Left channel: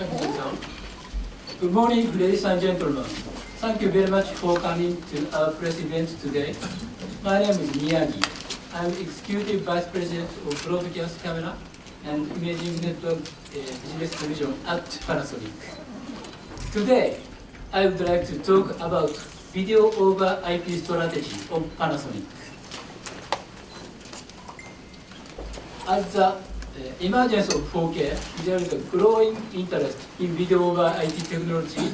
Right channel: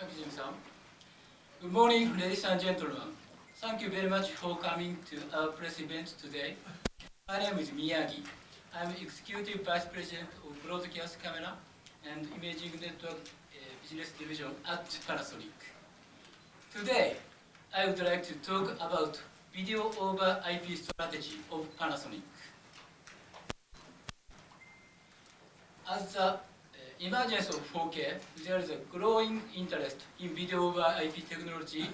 Thank you, John. Good morning, ladies and gentlemen. Thank you very much for coming to our press event today. My name is Miyagi. I'm Executive Vice President of Broadcast Camera and Imaging Network Business Division at Panasonic. Today, I would like to talk about video over IP strategy of Panasonic. As the emergence of 4K, there is a growing interest in video over IP technology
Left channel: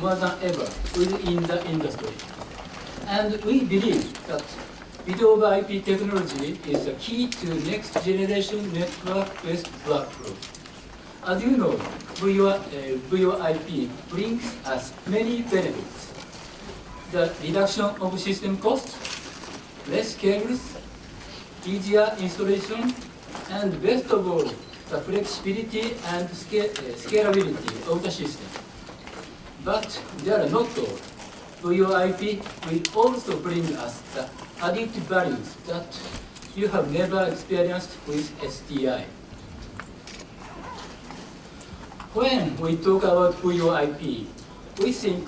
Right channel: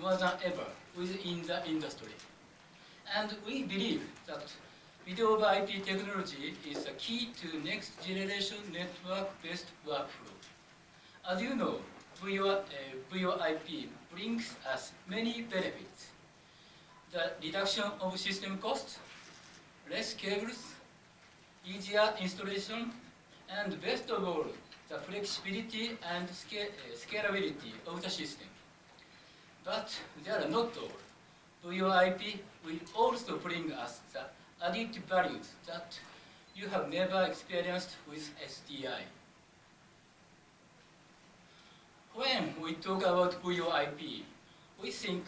more than ever within the industry. And we believe that video over IP technology is the key to next generation network-based workflow. As you know, VoIP brings us many benefits. The reduction of system costs, less cables, easier installation, and best of all, the flexibility and scalability of the system. But they are not all. VoIP will also bring us the added values that you have never experienced with SDI. When we talk about VoIP, we think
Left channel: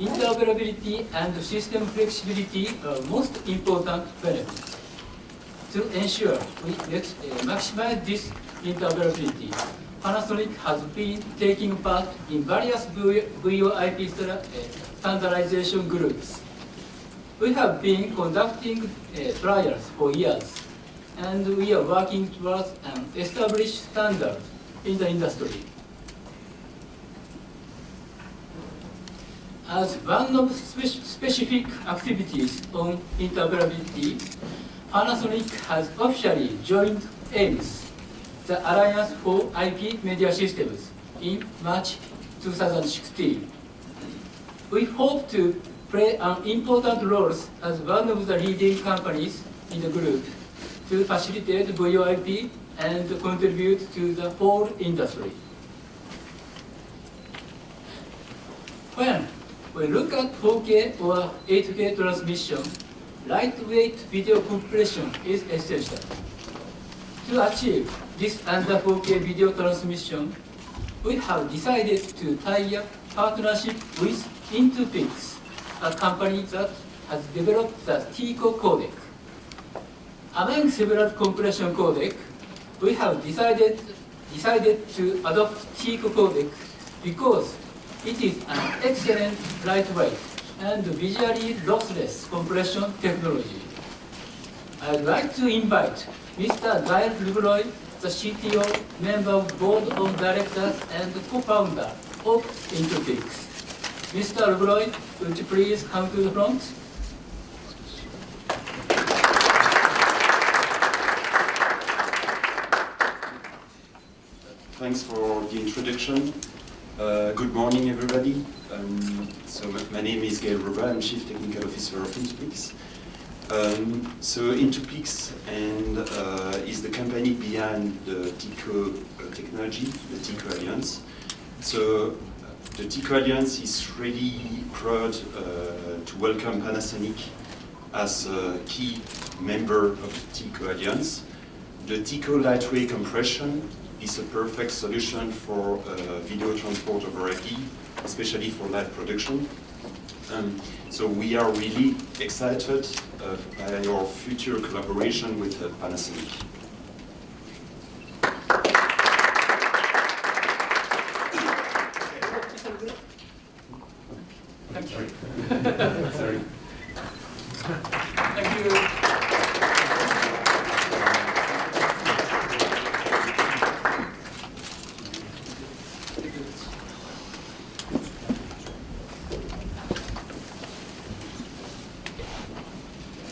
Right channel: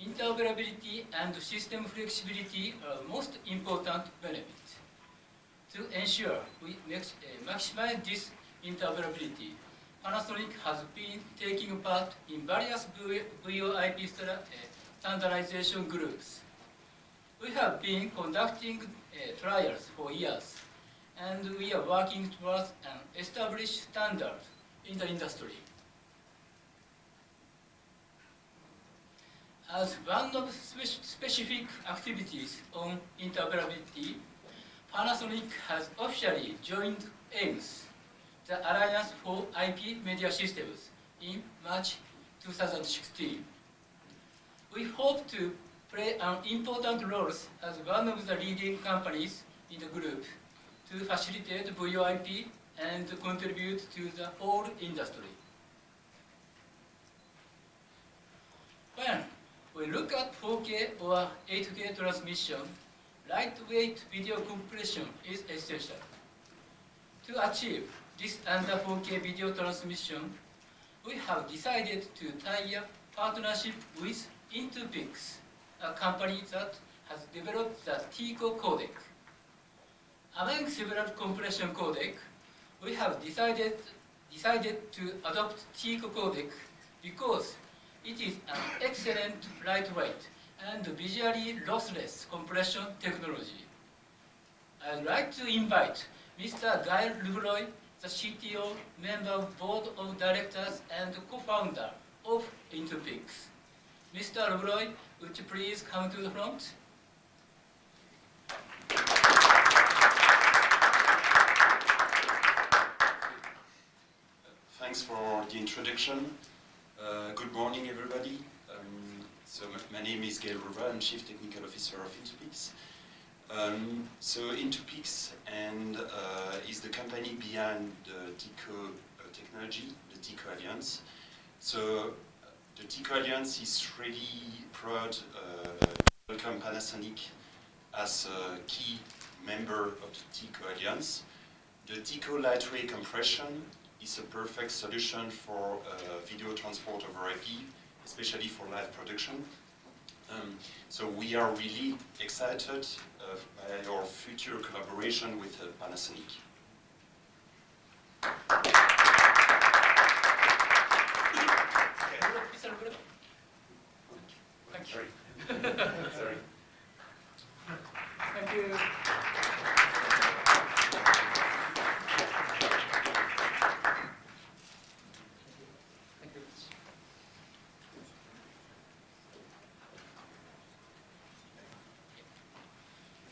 interoperability and system flexibility are most important benefits. To ensure we maximize this interoperability, Panasonic has been taking part in various VoIP standardization groups. We have been conducting trials for years, and we are working towards an established standard in the industry. As one of specific activities on interoperability, Panasonic has officially joined AIMS, the Alliance for IP Media Systems, in March 2016. We hope to play an important role as one of the leading companies in the group to facilitate VoIP and contribute to the whole industry. When we look at 4K or 8K transmission, lightweight video compression is essential. To achieve this under 4K video transmission, we have decided to tie up partnership with Intupix, a company that has developed the TICO codec. Among several compression codecs, we have decided to adopt TICO codec because it is an excellent lightweight and visually lossless compression technology. I would like to invite Mr. Gael Lebroy, the CTO, member of Board of Directors and co-founder of Intupix. Mr. Lebroy, would you please come to the front? Thanks for the introduction. Good morning, everybody. So my name is Gael Lebroy. I'm Chief Technical Officer of Intupix. So Intupix is the company behind the TICO technology, the TICO Alliance. So the TICO Alliance is really proud to welcome Panasonic as a key member of the TICO Alliance. The TICO lightweight compression is a perfect solution for video transport over IP, especially for live production. So we are really excited by our future collaboration with Panasonic. Thank you. Sorry. Thank you.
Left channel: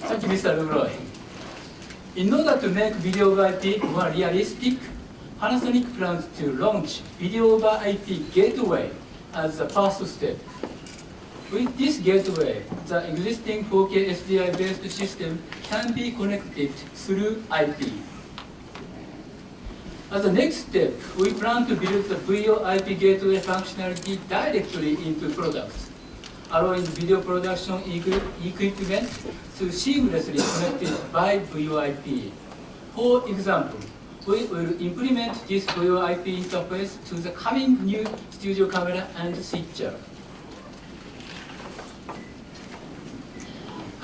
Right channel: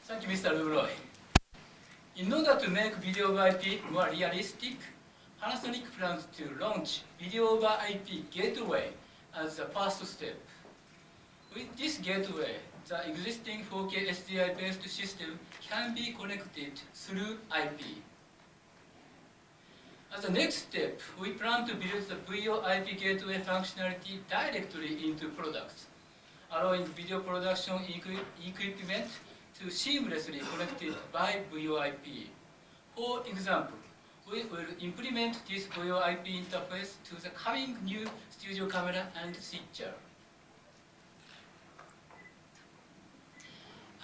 Thank you, Mr. Lebroy. In order to make video over IP more realistic, Panasonic plans to launch video over IP gateway as the first step. With this gateway, the existing 4K SDI-based system can be connected through IP. As a next step, we plan to build the VoIP gateway functionality directly into products, allowing video production equipment to seamlessly connected by VoIP. For example, we will implement this VoIP interface to the coming new studio camera and switcher.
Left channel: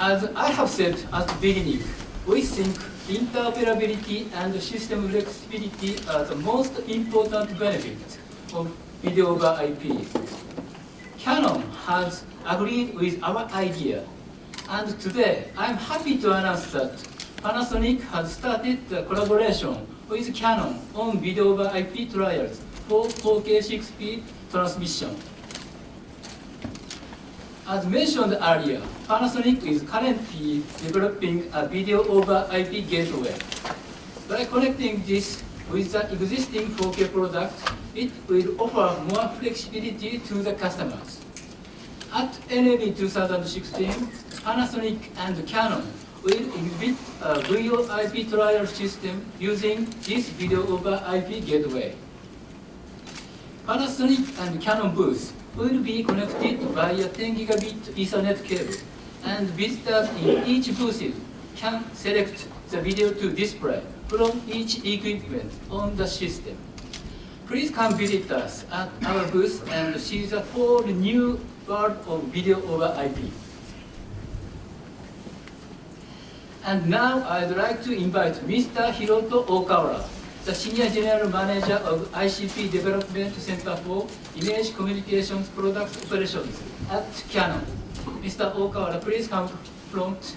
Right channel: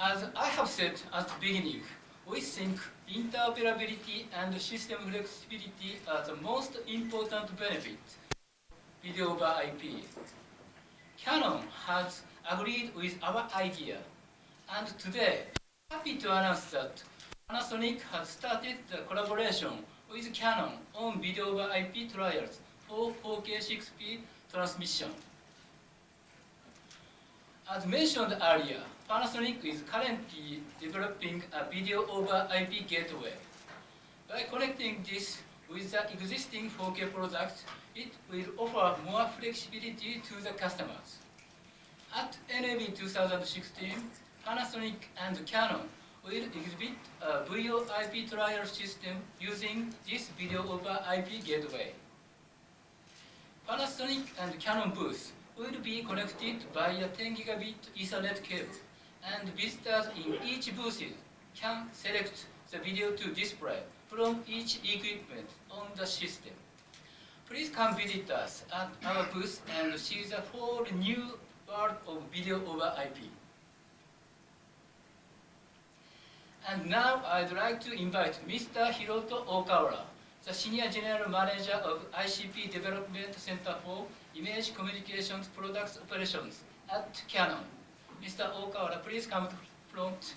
As I have said at the beginning, we think interoperability and system flexibility are the most important benefits of video over IP. Canon has agreed with our idea, and today I'm happy to announce that Panasonic has started the collaboration with Canon on video over IP trials for 4K 6-speed transmission. As mentioned earlier, Panasonic is currently developing a video over IP gateway. By connecting this with the existing 4K products, it will offer more flexibility to the customers. At NAB2016, Panasonic and Canon will exhibit a VoIP trial system using this video over IP gateway. Panasonic and Canon booths will be connected via 10 gigabit Ethernet cable, and visitors in each booth can select the video to display from each equipment on the system. Please come visit us at our booth and see the whole new world of video over IP. And now I'd like to invite Mr. Hiroto Okawara, the Senior General Manager of ICP Development Center for Image Communications Products Operations at Canon. Mr. Okawara, please come front.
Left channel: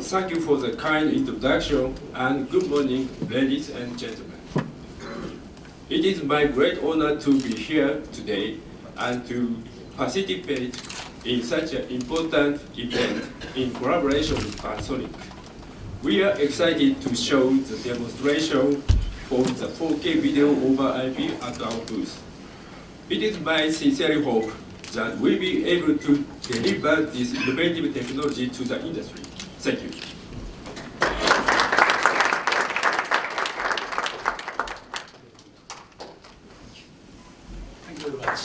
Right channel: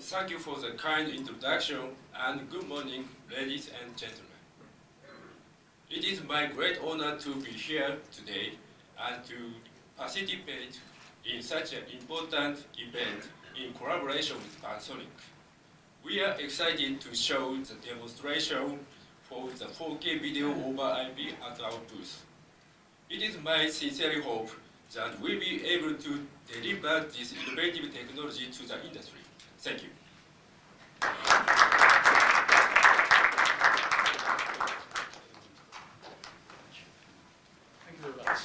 Thank you for the kind introduction, and good morning, ladies and gentlemen. It is my great honor to be here today and to participate in such an important event in collaboration with Panasonic. We are excited to show the demonstration of the 4K video over IP at our booth. It is my sincere hope that we'll be able to deliver this innovative technology to the industry. Thank you. Thank you very much.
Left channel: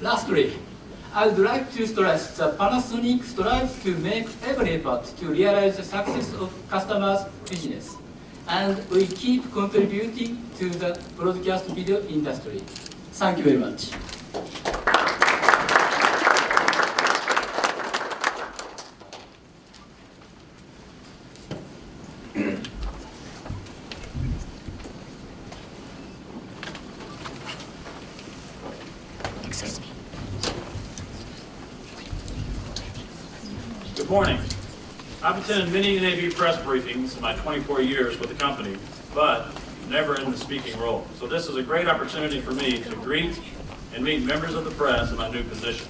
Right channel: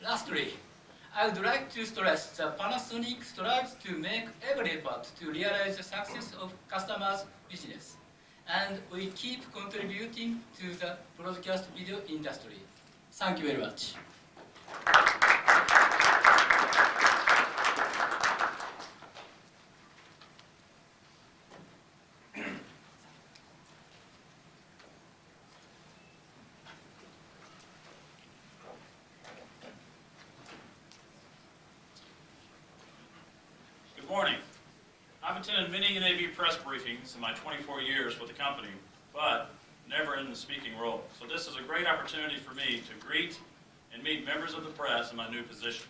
Lastly, I would like to stress that Panasonic strives to make every effort to realize the success of customers' business, and we keep contributing to the broadcast video industry. Thank you very much. Good morning. I've attended many NAB press briefings in my 24 years with the company, but never in the speaking role. So this is a great opportunity for me to greet and meet members of the press in my new position.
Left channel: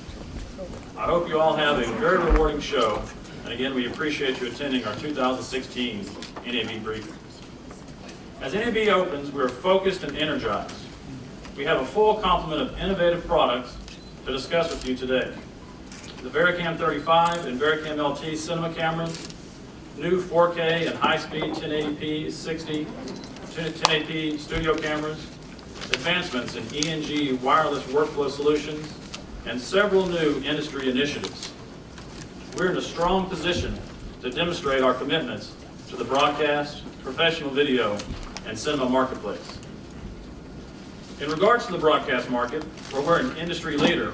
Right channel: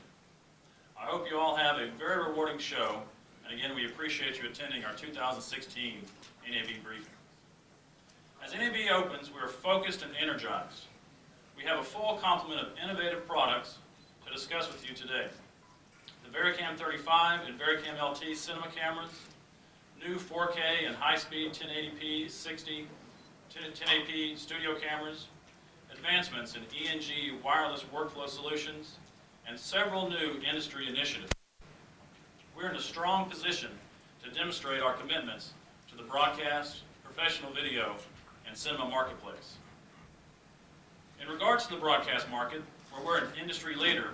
I hope you all have a very rewarding show, and again, we appreciate you attending our 2016 NAB briefing. As NAB opens, we are focused and energized. We have a full complement of innovative products to discuss with you today. The VariCam 35 and VariCam LT cinema cameras, new 4K and high-speed 1080p 60, 1080p studio cameras, advancements in ENG wireless workflow solutions, and several new industry initiatives. We're in a strong position to demonstrate our commitments to the broadcast, professional video, and cinema marketplace. In regards to the broadcast market, where we're an industry leader,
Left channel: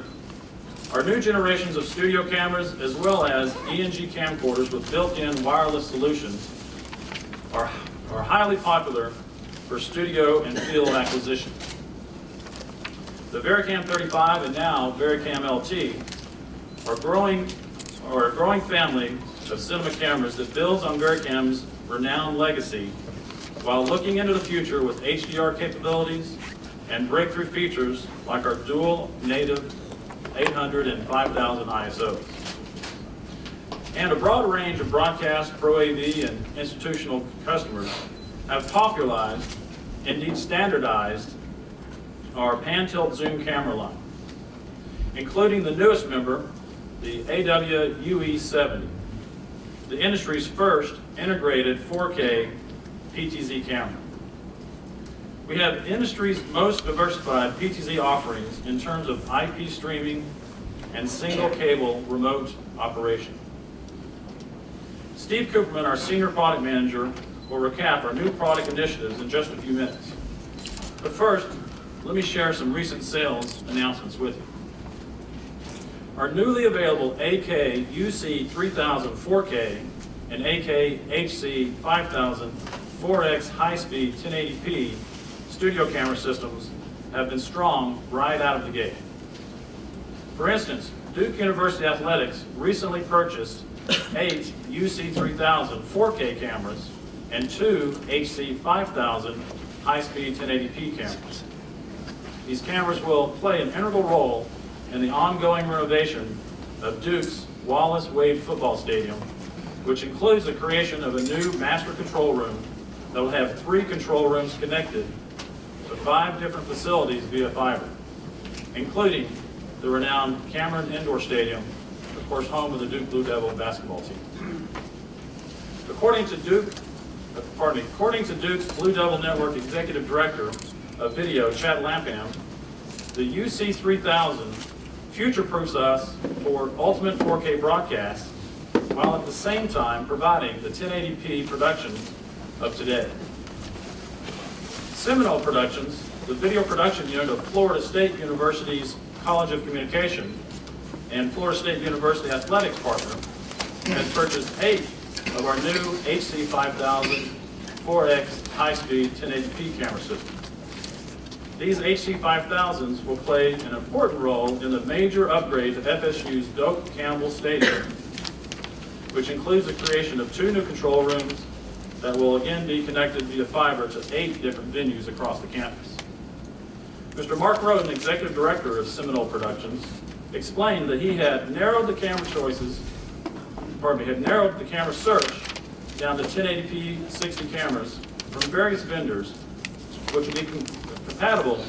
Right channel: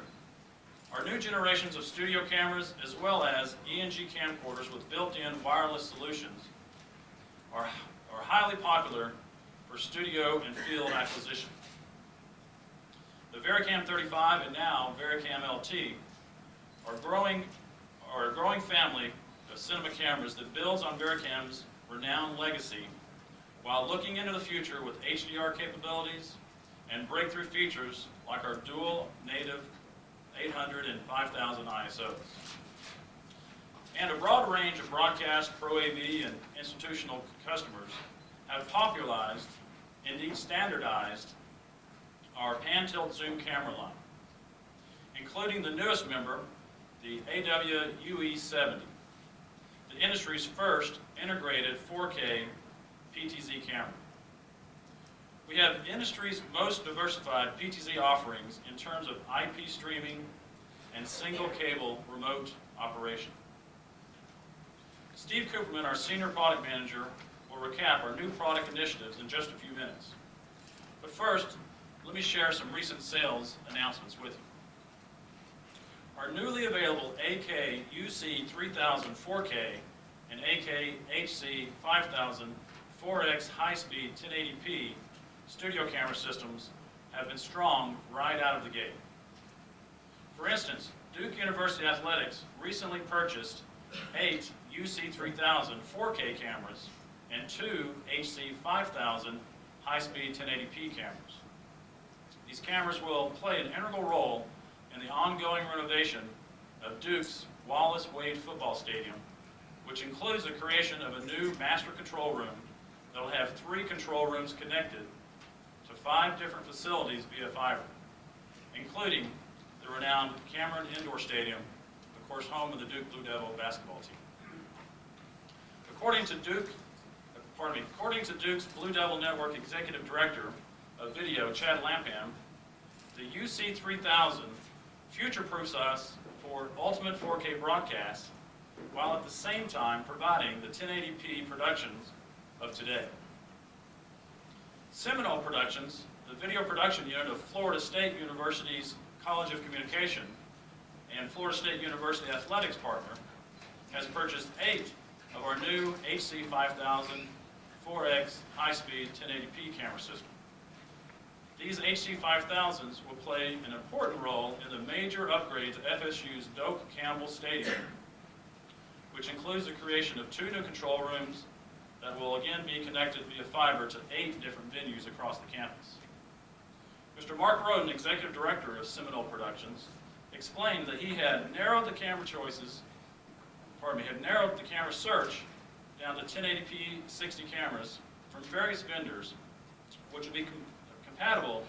our new generations of studio cameras, as well as ENG camcorders with built-in wireless solutions, are highly popular for studio and field acquisition. The VariCam 35 and now VariCam LT are a growing family of cinema cameras that builds on VariCam's renowned legacy while looking into the future with HDR capabilities and breakthrough features like our dual native 800 and 5000 ISOs. And a broad range of broadcast, Pro AV, and institutional customers have popularized, indeed standardized, our pan-tilt zoom camera line. including the newest member, the AWUE70, the industry's first integrated 4K PTZ camera. We have the industry's most diversified PTZ offerings in terms of IP streaming and single cable remote operation. Steve Cooperman, our Senior Product Manager, will recap our new product initiatives in just a few minutes. But first, let me share some recent sales announcements with you. Our newly available AK UC3000 4K and AK HC5000 4X high-speed 1080p studio camera systems have been strong right out of the gate. For instance, Duke University Athletics recently purchased 8 UC3000 4K cameras and 2 HC5000 high-speed 1080p cameras. These cameras will play an integral role in the ongoing renovation of Duke's Wallace Wade Football Stadium, which includes the creation of a new master control room that will have 3 control rooms connected to 5 different facilities via fiber, including the renowned Cameron Indoor Stadium, of course home of the Duke Blue Devil basketball team. According to Duke's Blue Devil Network Executive Director of Video, Chad Lampam, the UC3000 future-proofs us for ultimate 4K broadcasts, while at the same time providing the 1080p production of today. Seminole Productions, the video production unit of Florida State University's College of Communication and Florida State University Athletics partner, has purchased 8 of our new HC5000 4X high-speed 1080p camera systems. These HC5000s will play an important role in the major upgrade to FSU's Doak Campbell Stadium, which includes the creation of 2 new control rooms that will again be connected via fiber to 8 different venues across the campus. Mr. Mark Roden, Executive Director of Seminole Productions, explained that he had narrowed the camera search down to 1080p 60 cameras from various vendors, which will be compatible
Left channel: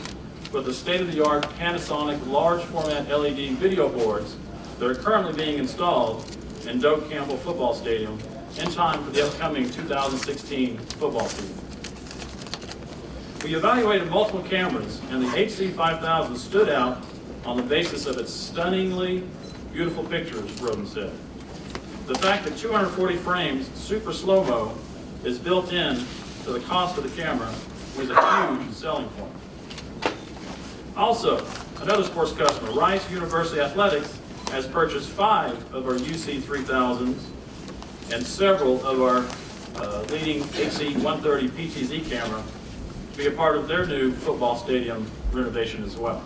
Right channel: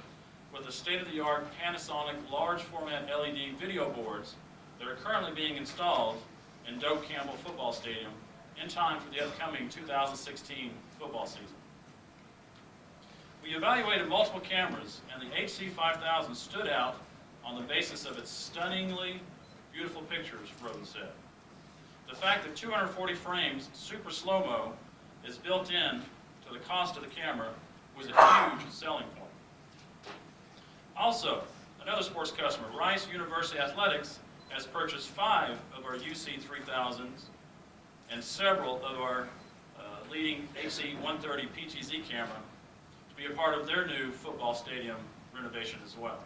with the state-of-the-art Panasonic large format LED video boards that are currently being installed in Doak Campbell Football Stadium in time for the upcoming 2016 football season. We evaluated multiple cameras, and the HC5000 stood out on the basis of its stunningly beautiful pictures, Roden said. The fact that 240 frames super slow-mo is built in to the cost of the camera was a huge selling point. Also, another sports customer, Rice University Athletics, has purchased 5 of our UC3000s and several of our leading HC130 PTZ camera to be a part of their new football stadium renovation as well.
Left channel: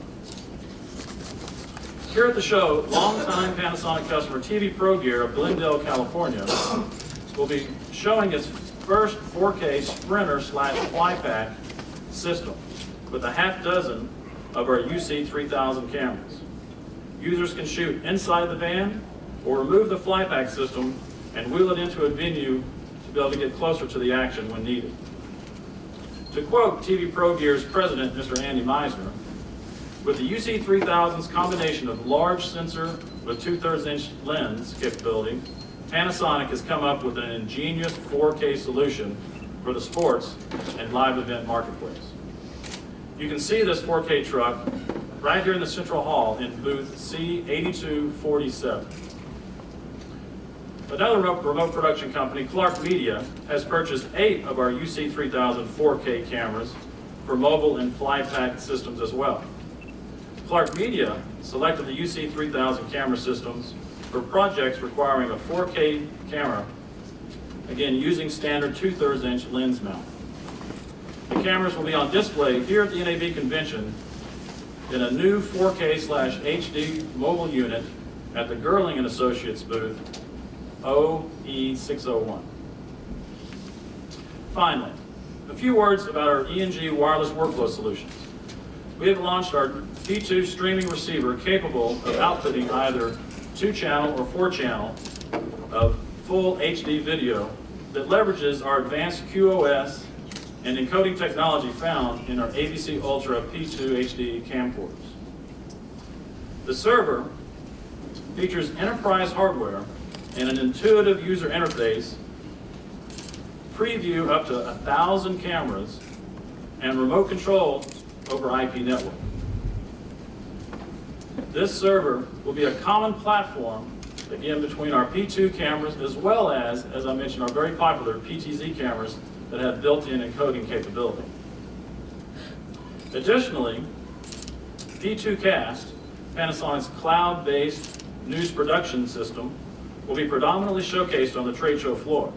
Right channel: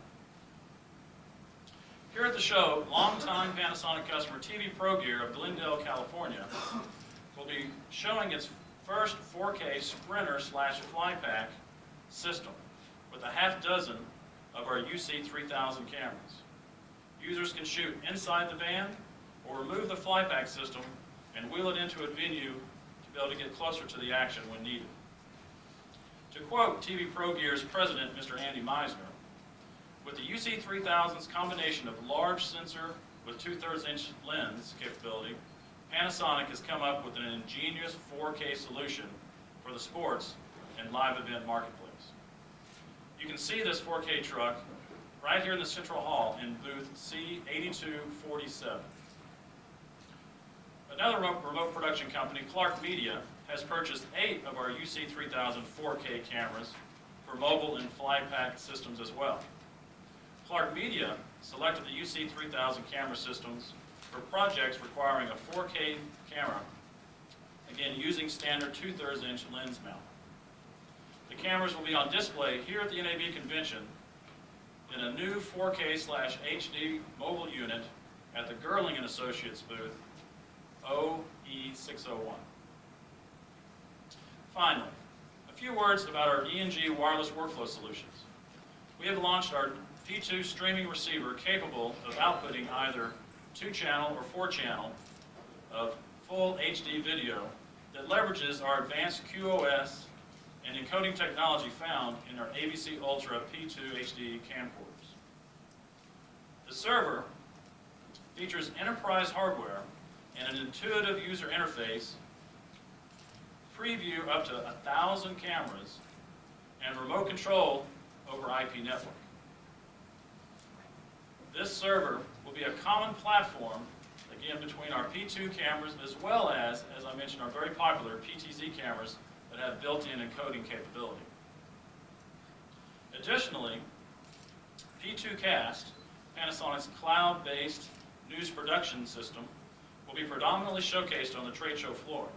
Here at the show, longtime Panasonic customer TV Pro Gear of Glendale, California, will be showing its first 4K Sprinter/Flypack system with a half dozen of our UC3000 cameras. Users can shoot inside the van or remove the Flypack system and wheel it into a venue to be able to get closer to the action when needed. To quote TV Pro Gear's president, Mr. Andy Meisner, with the UC3000's combination of large sensor with 2/3 inch lens capability, Panasonic has come up with an ingenious 4K solution for the sports and live event marketplace. You can see this 4K truck right here in the Central Hall in booth C8247. Another remote production company, Clark Media, has purchased 8 of our UC3000 4K cameras for mobile and Flypack systems as well. Clark Media selected the UC3000 camera systems for projects requiring a 4K camera, again using standard 2/3 inch lens mount. The cameras will be on display here at the NAB convention in a new 4K/HD mobile unit at the Gerling & Associates booth OE601. Finally, a few words about our E&G wireless workflow solutions. We have launched our P2 streaming receiver capable of outputting either 2-channel or 4-channel of full HD video that leverages our advanced QoS and encoding technology found in our ABC Ultra P2 HD camcorders. The server features enterprise hardware and an intuitive user interface, preview up to 1,000 cameras, and remote control over IP network. This server will be a common platform, again, between our P2 cameras as well as I mentioned, our very popular PTZ cameras that have built-in encoding capability. Additionally, P2Cast, Panasonic's cloud-based news production system, will be predominantly showcased on the trade show floor.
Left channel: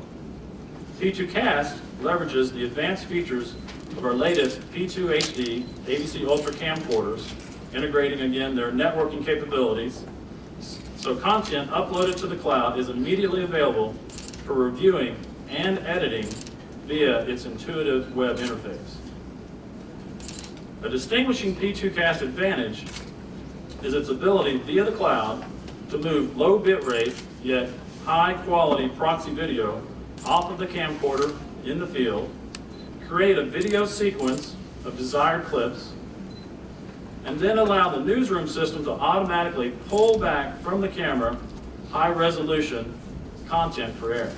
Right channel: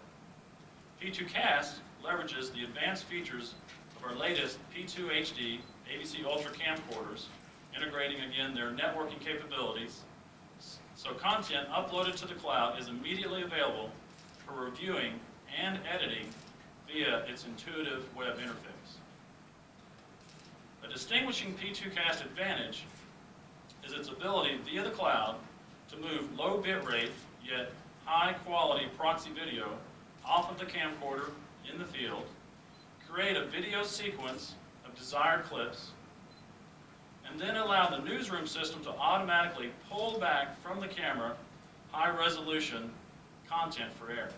P2Cast leverages the advanced features of our latest P2 HD ABC Ultra camcorders, integrating again their networking capabilities, so content uploaded to the cloud is immediately available for reviewing and editing via its intuitive web interface. A distinguishing P2Cast advantage is its ability via the cloud to move low bitrate yet high quality proxy video off of the camcorder in the field, create a video sequence of desired clips, and then allow the newsroom system to automatically pull back from the camera high resolution content for air.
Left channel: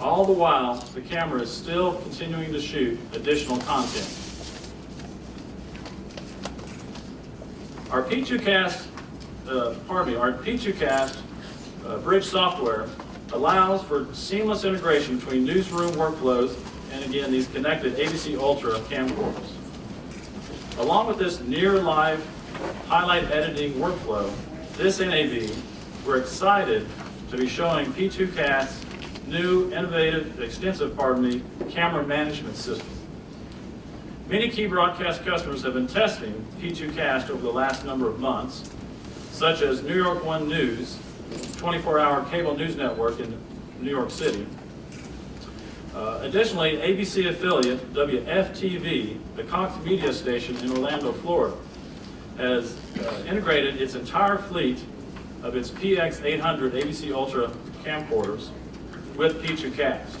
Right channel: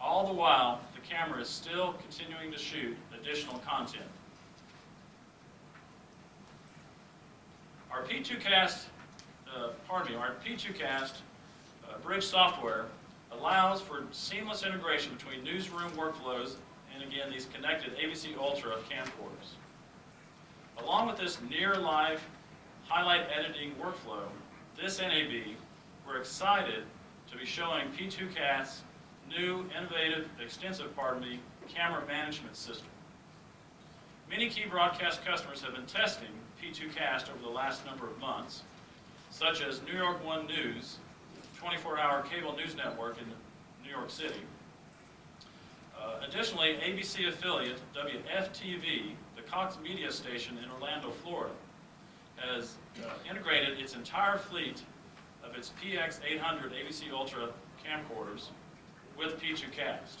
All the while, the camera is still continuing to shoot additional content. Our P2Cast, bridge software allows for seamless integration between newsroom workflows and again these connected ABC Ultra camcorders. Along with this near live highlight editing workflow, this NAB, we're excited to be showing P2Cast's new innovative, extensive camera management system. Many key broadcast customers have been testing P2Cast over the last number of months, such as New York One News, 24-hour cable news network in New York City. Additionally, ABC affiliate WFTV, the Cox media station in Orlando, Florida, has integrated its entire fleet of its PX800 ABC Ultra camcorders with P2Cast.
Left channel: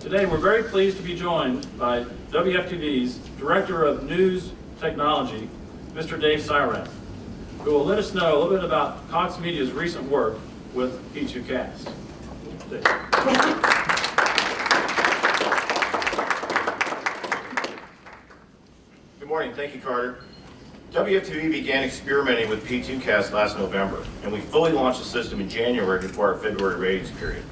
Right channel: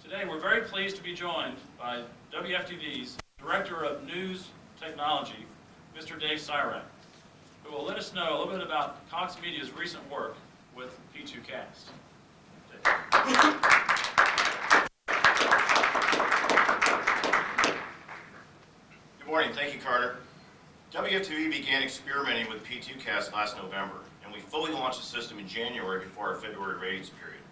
Today, we're very pleased to be joined by WFTV's Director of News Technology, Mr. Dave Syrak, who will let us know a little bit about Cox Media's recent work with P2Cast. Dave. Good morning, thank you, Carter. WFTV began experimenting with P2Cast last November, and we fully launched the system in January before our February ratings period.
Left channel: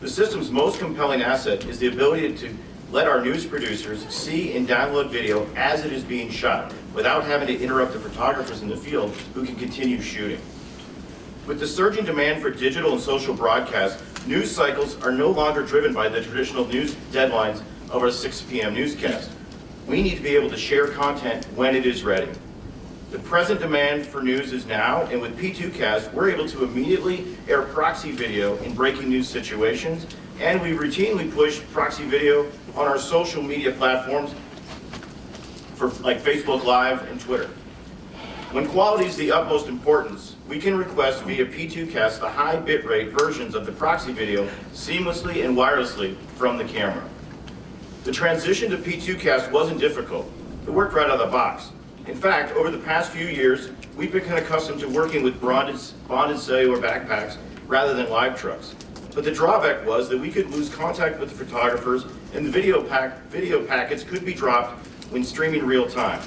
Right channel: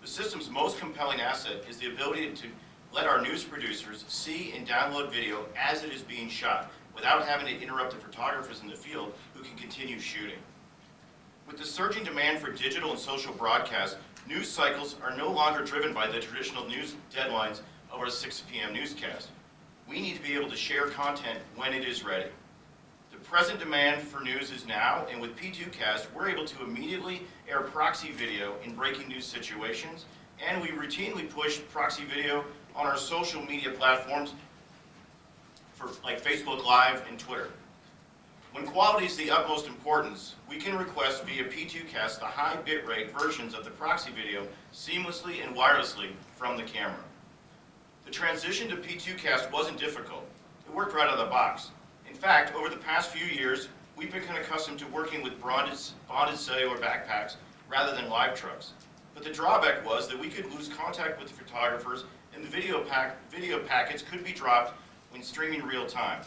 The system's most compelling asset is the ability to let our news producers see and download video as it is being shot, without having to interrupt the photographers in the field who can continue shooting. With the surging demand for digital and social broadcasts, news cycles are no longer driven by the traditional news deadlines of our 6 p.m. newscast. We need to be able to share content when it is ready. The present demand for news is now, and with P2Cast, we're able to immediately air proxy video in breaking news situations, and we routinely push proxy video on our social media platforms like Facebook Live and Twitter. When quality is the utmost importance, we can request via P2Cast the high bitrate versions of the proxy video seamlessly and wirelessly from the camera. The transition to P2Cast wasn't difficult. It worked right out of the box. In fact, over the past few years, we've become accustomed to working with bonded cellular backpacks rather than live trucks. But the drawback was that we could lose contact with the photographers, and the video packets could be dropped when streaming real time.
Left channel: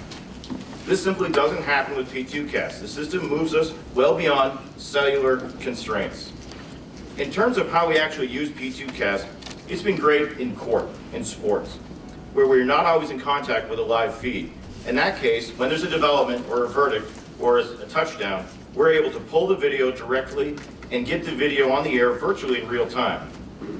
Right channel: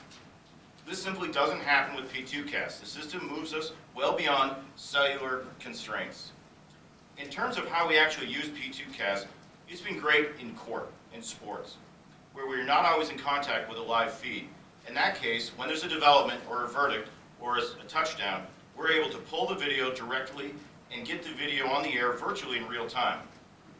This simply doesn't happen with P2Cast. The system moves us well beyond cellular constraints. In terms of how we actually use P2Cast, it's been great in court, in sports, where we're not always in contact with a live feed. In that case, when there's a development or a verdict or a touchdown, we're able to pull the video directly and get the video on the air virtually in real time.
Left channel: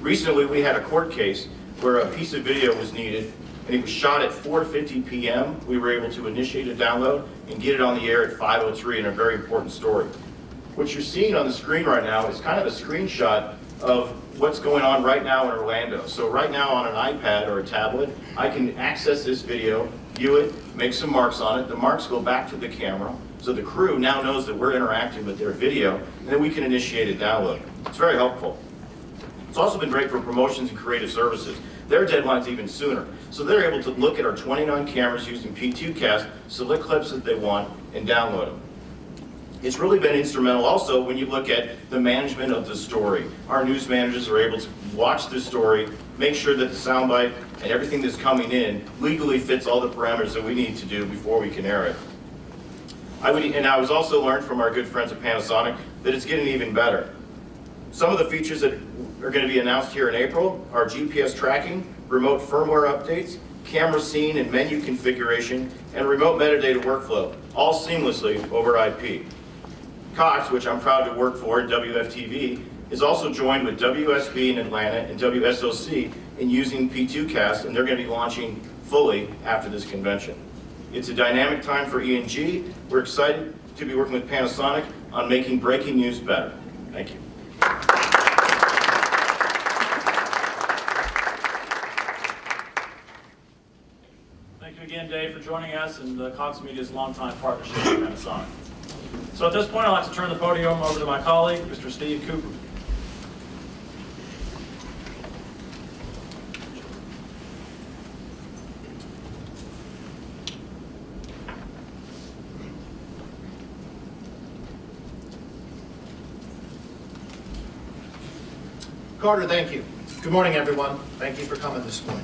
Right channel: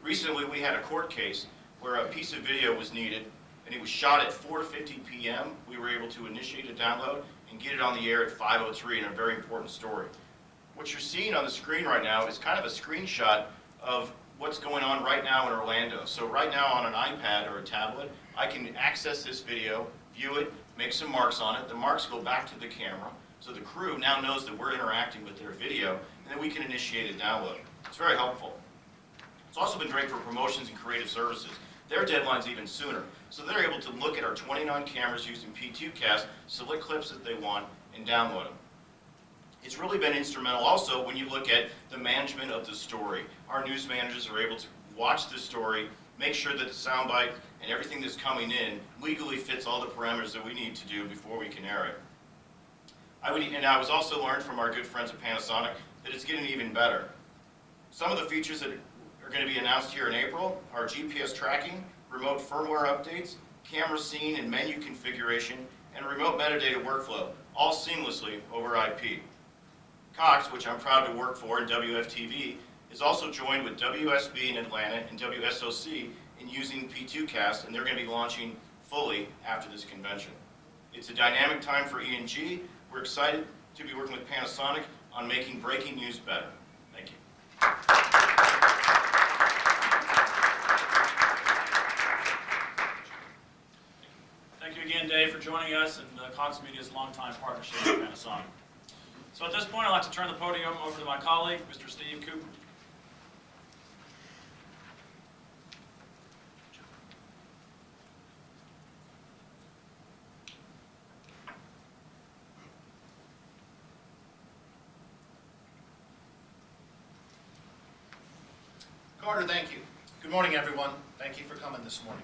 Recently, we had a court case where a piece of video was needed, and it was shot at 4:50 p.m. We were able to initiate a download and get it on the air at 5:03 in a very important story. What you're seeing on the screen right now is kind of a screenshot of what's going on right now in Orlando. So right now on an iPad or a tablet, I can access this video, view it, make some marks on it. The marks go back to the camera, so the crew now knows that we're interacting with their video, and then we can initiate a download. It's very helpful. It's also been great for promotions and creative services. Their deadline's even sooner, so they're able to look at our 29 cameras using P2Cast, select clips that they want, and download them. It's really been instrumental also when you look at the management of the story. Our news managers are able to watch the story, make sure that the soundbite and everything that's coming in legally fits all the parameters that we need to do before we can air it. I was also learned from our good friends at Panasonic that it's getting even better. Some of the features that are going to be announced here in April are GPS tracking, remote firmware updates, camera scene and menu configuration, and remote metadata workflow, all seamlessly over IP. Cox, which I'm proud to work for at WFTV, is also joined with WSB in Atlanta and WSOC in using P2Cast, and they're going to be launching fully after this convention. It's a dynamic time for E&G. We're excited to be working with Panasonic on making breaking news better. Thank you. Thank you again, Dave, for joining us and Cox Media's longtime partnership with Panasonic. So at this point, I'd like to turn the podium over to my colleague, Mr. Steve Cooper. Carter, thank you. Good morning, everyone. Thank you for coming this morning.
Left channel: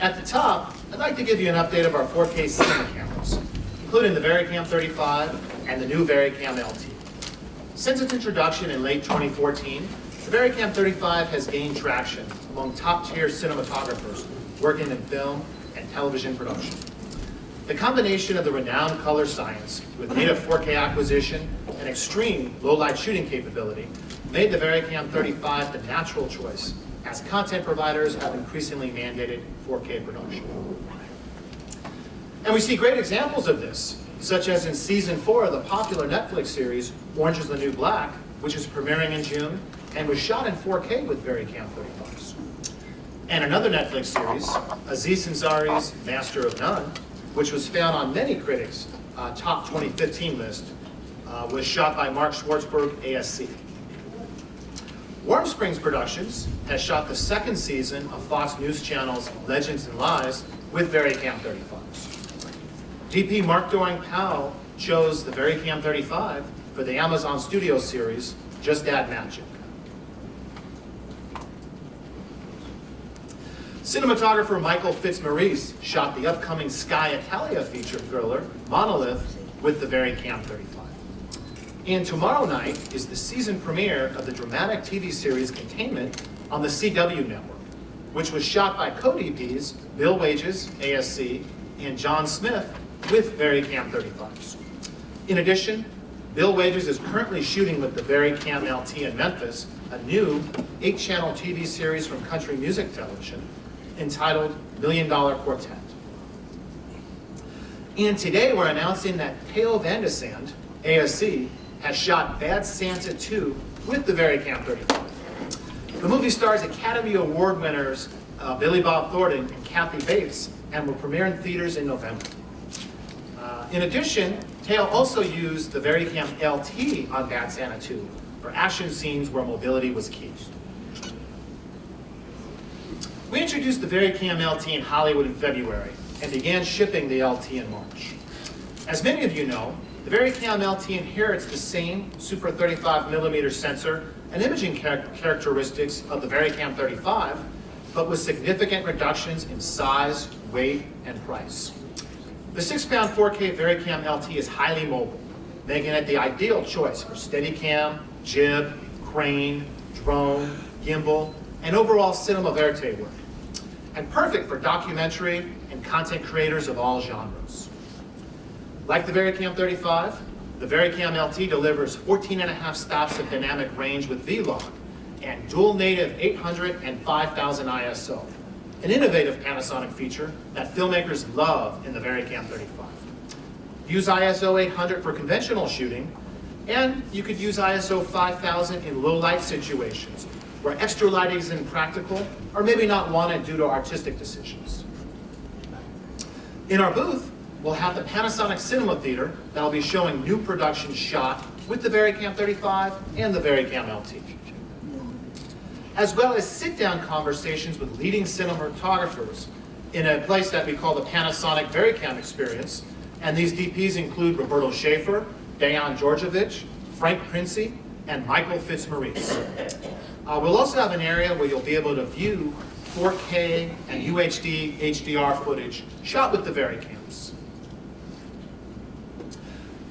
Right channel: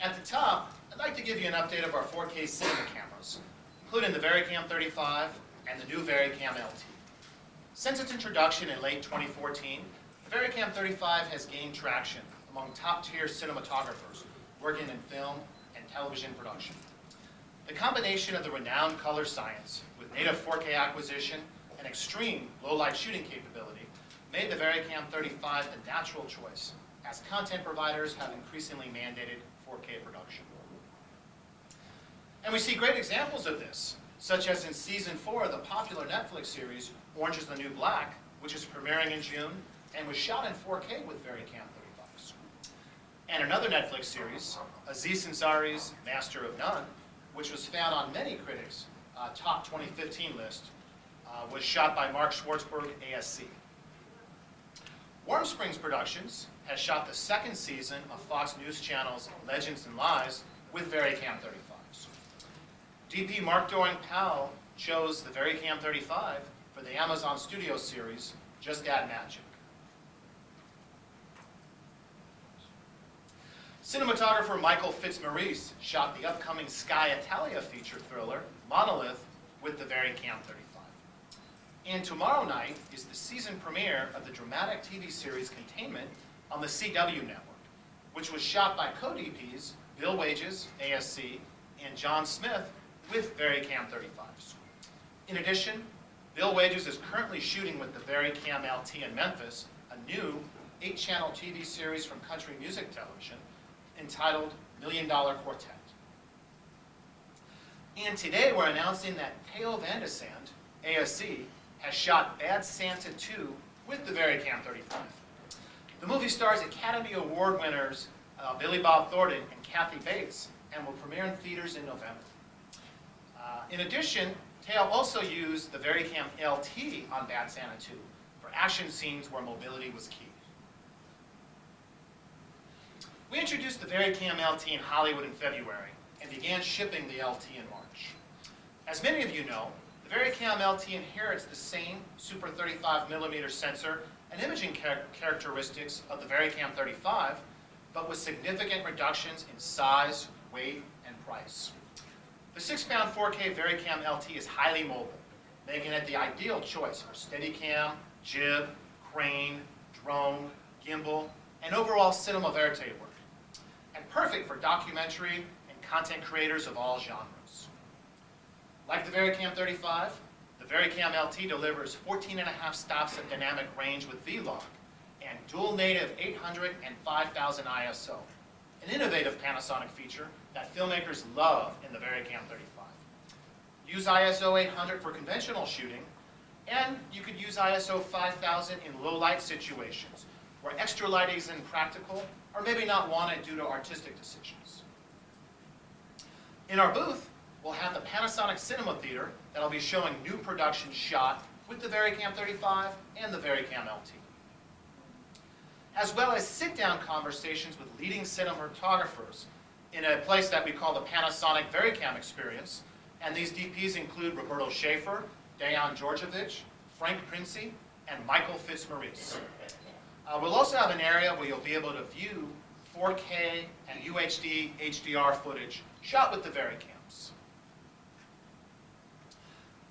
At the top, I'd like to give you an update of our 4K cinema cameras, including the VariCam 35 and the new VariCam LT. Since its introduction in late 2014, the VariCam 35 has gained traction among top-tier cinematographers working in film and television production. The combination of the renowned color science with native 4K acquisition and extreme low-light shooting capability made the VariCam 35 the natural choice as content providers have increasingly mandated 4K production. And we see great examples of this, such as in season 4 of the popular Netflix series Orange is the New Black, which is premiering in June and was shot in 4K with VariCam 35s. And another Netflix series, Aziz Ansari's Master of None, which was found on many critics' top 2015 list, was shot by Mark Schwartzberg, ASC. Warm Springs Productions has shot the second season of Fox News Channel's Legends and Lies with VariCam 35s. DP Mark Doring Powell chose the VariCam 35 for the Amazon Studios series, Just Add Magic. Cinematographer Michael Fitzmaurice shot the upcoming Sky Italia feature thriller, Monolith, with the VariCam 35. And tomorrow night is the season premiere of the dramatic TV series Containment on the CW network, which was shot by co-DPs Bill Wages, ASC, and John Smith with VariCam 35s. In addition, Bill Wages is currently shooting with the VariCam LT in Memphis, a new 8-channel TV series from country music television entitled $1 Million Quartet. And today we're announcing that Theo Van de Sande, ASC, has shot Bad Santa 2 with the VariCam 35. The movie stars Academy Award winners Billy Bob Thornton and Kathy Bates and will premiere in theaters in November. In addition, Theo also used the VariCam LT on Bad Santa 2 for action scenes where mobility was key. We introduced the VariCam LT in Hollywood in February and began shipping the LT in March. As many of you know, the VariCam LT inherits the same Super 35mm sensor and imaging characteristics of the VariCam 35, but with significant reductions in size, weight, and price. The 6-pound 4K VariCam LT is highly mobile, making it the ideal choice for Steadicam, jib, crane, drone, gimbal, and overall cinema verite work, and perfect for documentary and content creators of all genres. Like the VariCam 35, the VariCam LT delivers 14.5 stops of dynamic range with V-Log and dual native 800 and 5000 ISO, an innovative Panasonic feature that filmmakers love in the VariCam 35. Use ISO 800 for conventional shooting, and you could use ISO 5000 in low light situations where extra lighting is impractical or maybe not wanted due to artistic decisions. In our booth, we'll have the Panasonic Cinema Theater that'll be showing new productions shot with the VariCam 35 and the VariCam LT, as well as sit-down conversations with leading cinematographers in a place that we call the Panasonic VariCam Experience And these DPs include Roberto Schaefer, Dejan Djordjevic, Frank Princey, and Michael Fitzmaurice. We'll also have an area where you'll be able to view 4K and UHD HDR footage shot with the VariCams.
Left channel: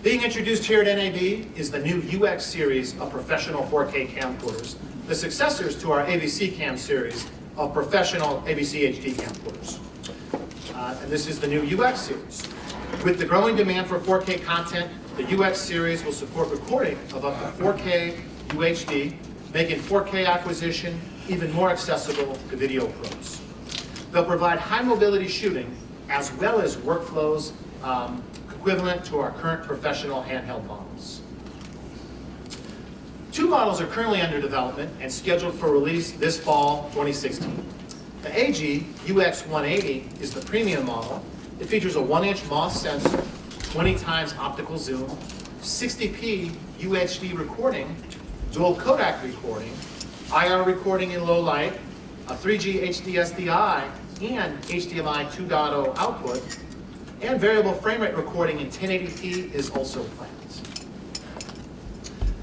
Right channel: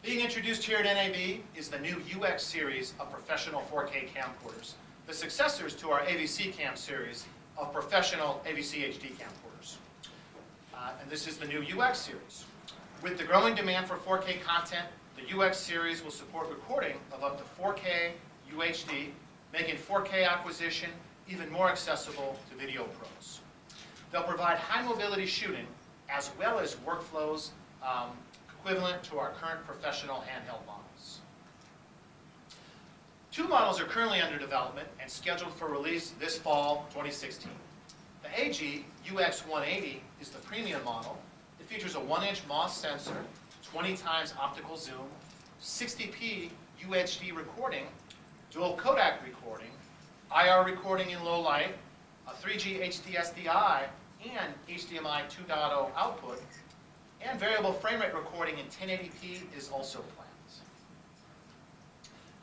Being introduced here at NAB is the new UX series of professional 4K camcorders, the successors to our AVC Cam series of professional AVC HD camcorders. And this is the new UX series. With the growing demand for 4K content, the UX series will support recording of up to 4K UHD, making 4K acquisition even more accessible to video pros. They'll provide high mobility shooting as well as workflows equivalent to our current professional handheld models. 2 models are currently under development and scheduled for release this fall 2016. The AG UX180 is the premium model. It features a 1-inch MOS sensor, 20 times optical zoom, 60p UHD recording, dual codec recording, IR recording in low light, a 3G HD SDI, and HDMI 2.0 output, and variable frame rate recording in 1080p is also planned.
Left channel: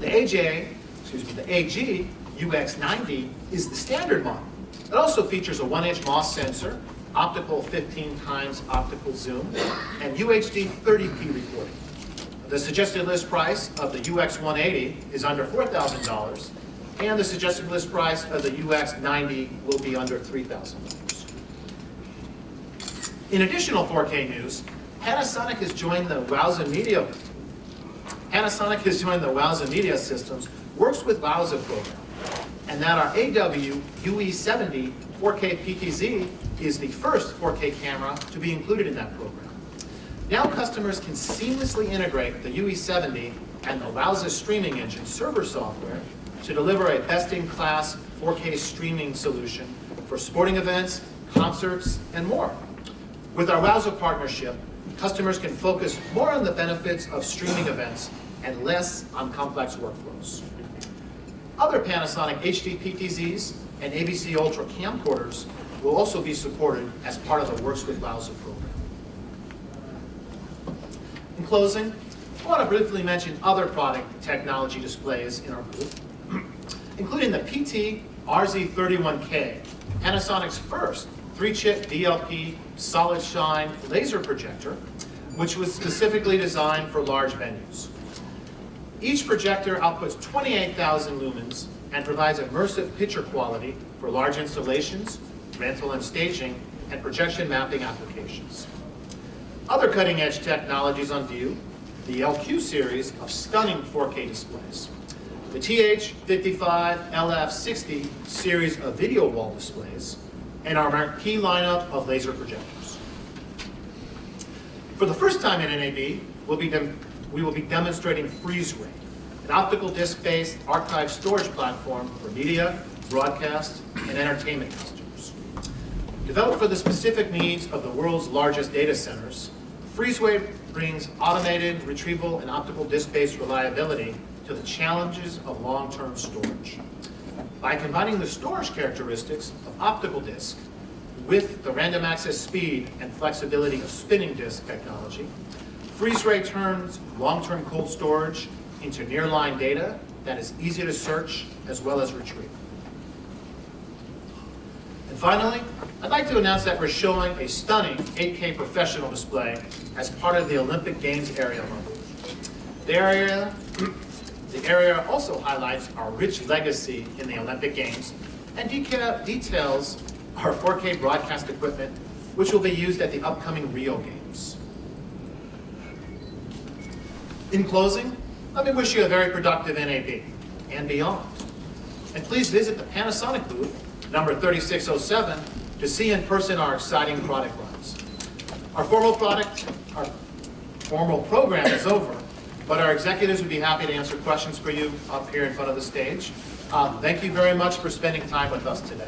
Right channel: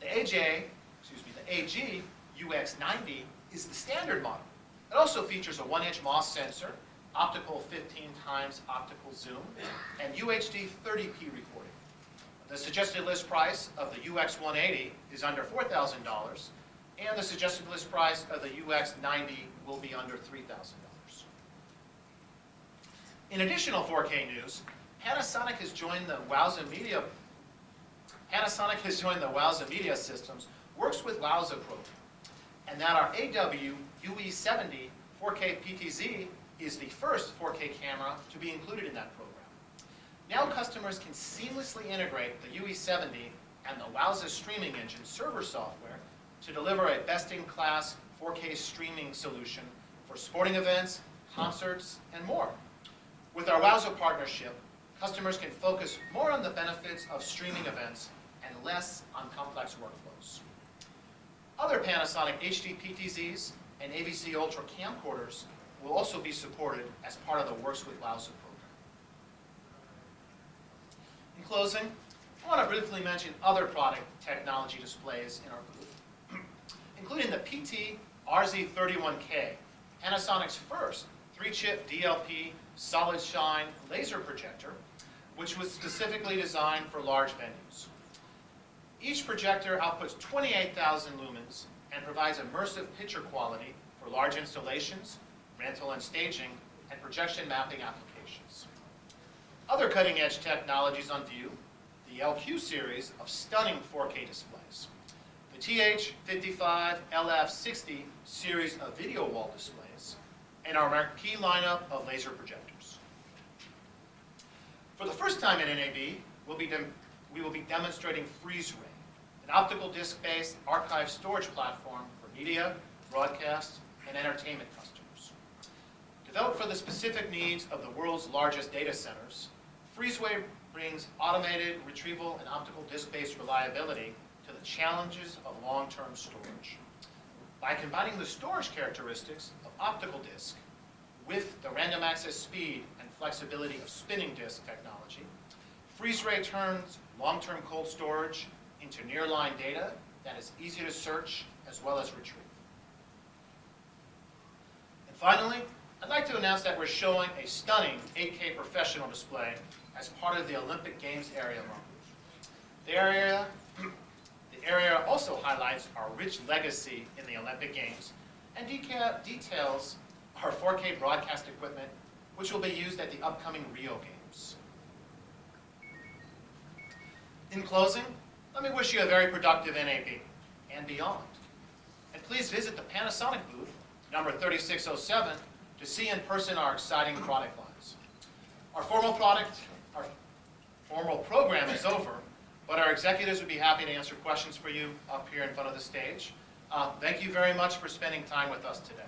The AG UX90 is the standard model. It also features a 1-inch MOS sensor, optical 15 times optical zoom, and UHD 30p recording. The suggested list price of the UX180 is under $4,000, and the suggested list price of the UX90 will be under $3,000. In additional 4K news, Panasonic has joined the Wowza Media Systems Works with Wowza program, and that our AW UE70 4K PTZ is the first 4K camera to be included in that program. Now customers can seamlessly integrate the UE70 and the Wowza streaming engine server software to deliver a best-in-class 4K streaming solution for sporting events, concerts, and more. With our Wowza partnership, customers can focus more on the benefits of streaming events and less on complex workflows. Other Panasonic HD PTZs and AVC Ultra camcorders will also be supported as part of the Works with Wowza program. In closing, I want to briefly mention other product technology displays in our booth, including the PT RZ31K, Panasonic's first 3-chip DLP solid shine laser projector, which was specifically designed for large venues. Each projector outputs 28,000 lumens and provides immersive picture quality for large installations, rental and staging, and projection mapping applications. Other cutting-edge technologies on view, the LQ series of stunning 4K displays, the TH55 LF60 series of video wall displays, and our marquee lineup of laser projectors. For the first time in NAB, we will be demonstrating FreezeRay, an optical disc-based archive storage platform for media, broadcast, and entertainment customers. Developed for the specific needs of the world's largest data centers, FreezeRay brings automated retrieval and optical disc-based reliability to the challenges of long-term storage. By combining the storage characteristics of optical disk with the random access speed and flexibility of spinning disk technology, FreezeRay turns long-term cold storage into nearline data that is easy to search as well as retrieve. And finally, I'd like to announce that we're showing a stunning 8K professional display as part of the Olympic Games area of our booth. The area also highlights our rich legacy in the Olympic Games and details our 4K broadcast equipment, which will be used at the upcoming Rio Games. In closing, let me wish you a very productive NAB and beyond. And please visit the Panasonic booth, number 3607, to see in person our exciting product lines. Our formal program is over, but our executives would be happy to answer questions for you up here in front of the stage. Thank you very much for spending time with us today.